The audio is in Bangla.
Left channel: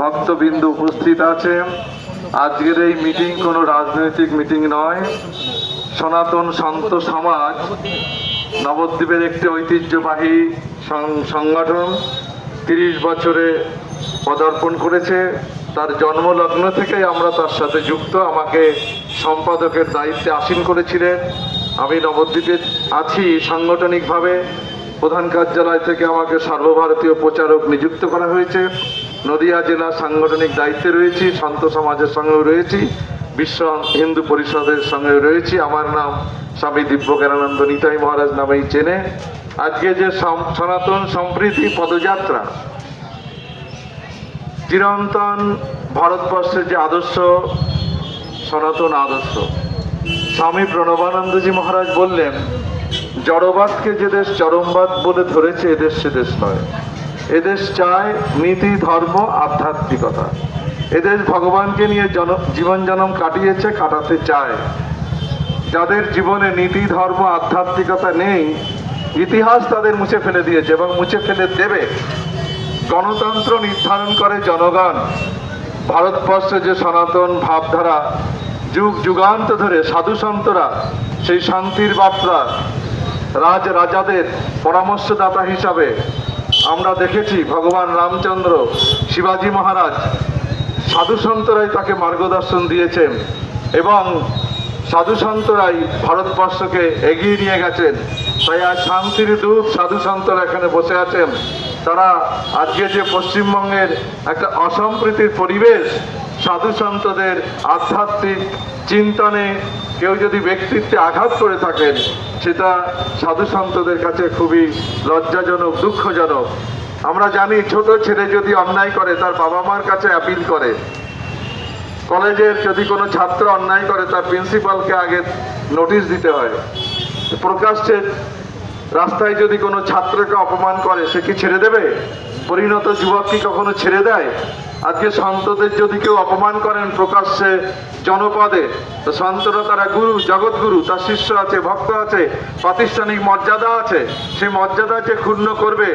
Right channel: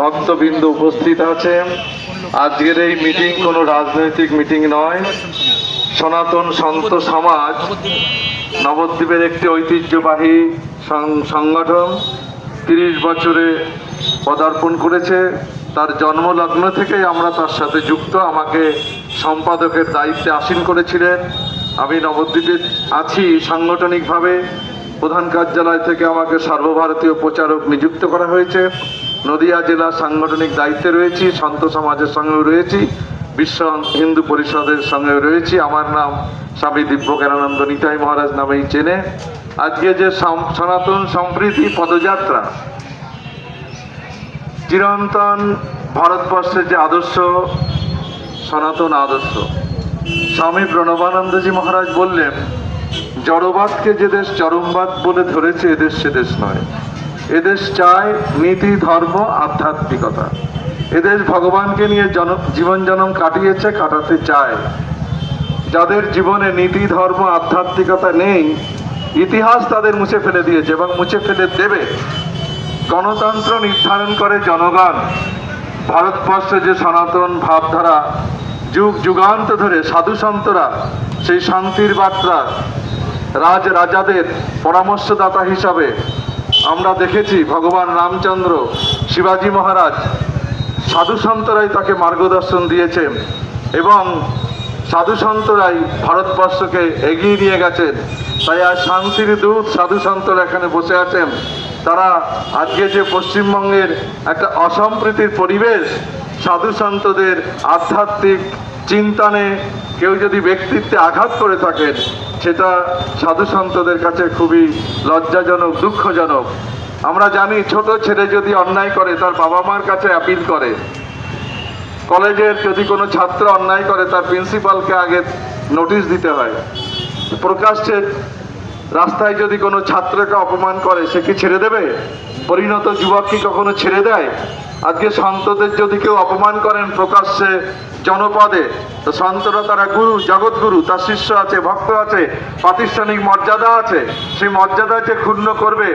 ভক্তবিন্দু উপস্থিত আছেন। আজকের এই মিটিং কোনো রাজনৈতিক মিটিং নয়। সনাতন সন্ত সমাজ নবদ্বীপের একটি ঐতিহ্যবাহী সংগঠন তিরিশ বছরে পদার্পণ করেছে। তার জন্মলগ্ন থেকেই আমরা তার সাথে যুক্ত। আমাকে সম্পাদকের দায়িত্বে আসীন করেছিলেন। আমি নবদ্বীপে আছি সাংগঠনিকভাবে। প্রধান কার্যালয় থেকে আমাকে সর্বভারতীয় প্রচারক নিযুক্ত করা হয়েছে। নদিয়া জেলা সাংগঠনিক দায়িত্বে রয়েছি সন্ত সমাজের সঙ্গেও রয়েছি, বিশ্ব হিন্দু পরিষদের সঙ্গে রয়েছি। আমার নাম স্বামী দিব্যজ্ঞানানন্দ নিতাই মহারাজ নামেই চেনে। আজকে যে সনাতন সম্প্রীতি পদযাত্রা, চিরন্তন ভারতবর্ষের যে আদর্শ, সনাতন আদর্শ। স্বামী প্রণবানন্দজি মহারাজ বললেন জড়বাদকে যে দেশ চরমবাদ বলে ধরেছে এদেশ সে দেশ নয়। এদেশ চায় নীতি, ধর্ম, আধ্যাত্মিকতা। এদেশ ভগবানকে নিয়ে জন জীবন জনম কাটিয়েছে, কাটাতে চায়। যাদের জীবনে নীতি, ধর্ম, আধ্যাত্মিকতা নেই, ইতিহাস তাদের মুছে ফেলে দিয়েছে এবং মুছে ফেলে দেবে। গণতন্ত্র নির্ধারণ করে জনগণ। ভারতবর্ষে যে সনাতন ভাবধারা যুগ, যুগান্ত ধরে সাধু সন্তরা সেই শান্তির বার্তা রাজ রাজাদের পরামর্শদাতা হিসাবে আমরা দেখেছি ভগবান রামচন্দ্র শিবাজি মহারাজ সাধু সন্তরাই তাকে মার্গদর্শন দিয়েছেন এবং সাধু সন্তরাই ভারতবর্ষকে এগিয়ে নিয়ে গেছেন। তাই আজ শান্তির দূত সাধু সন্তরা এখানে বসে আছেন। তারা আজকে যে পশ্চিমবঙ্গের একটা অসম্প্রীতির পরিবেশ সাধু সন্তদের আধ্যাত্মিক চিন্তনে কেউ যদি ব্যক্তিত্বে আঘাত করে থাকেন, সেটা সাধু সন্তদের কাছে খুবই লজ্জাজনক, দুঃখজনক। আমরা জানি ছোট ছেলে যদি অন্যায় করে, তার বাবা মার কাছে অ্যাপিল করে। কলেজের যদি কোনো ছাত্র অন্যায় করে, তার প্রিন্সিপালকে আগে নোটিশ দিতে হয়। প্রকাশ্যে রাস্তায় যদি কোনো ছাত্রকে অপমান করে, সে কি ছেড়ে দেবে? পরিণত যুবক কি কখনো ছেড়ে দেয়? আজকে সন্তদের যদি কেউ অপমান করেন প্রকাশ্যে জনপদে সন্তরা তারা গুরু, জগৎগুরু, তার শিষ্য আছে, ভক্ত আছে, প্রাতিষ্ঠানিক মর্যাদা আছে। সেই মর্যাদাকে ক্ষুণ্ণ করবে।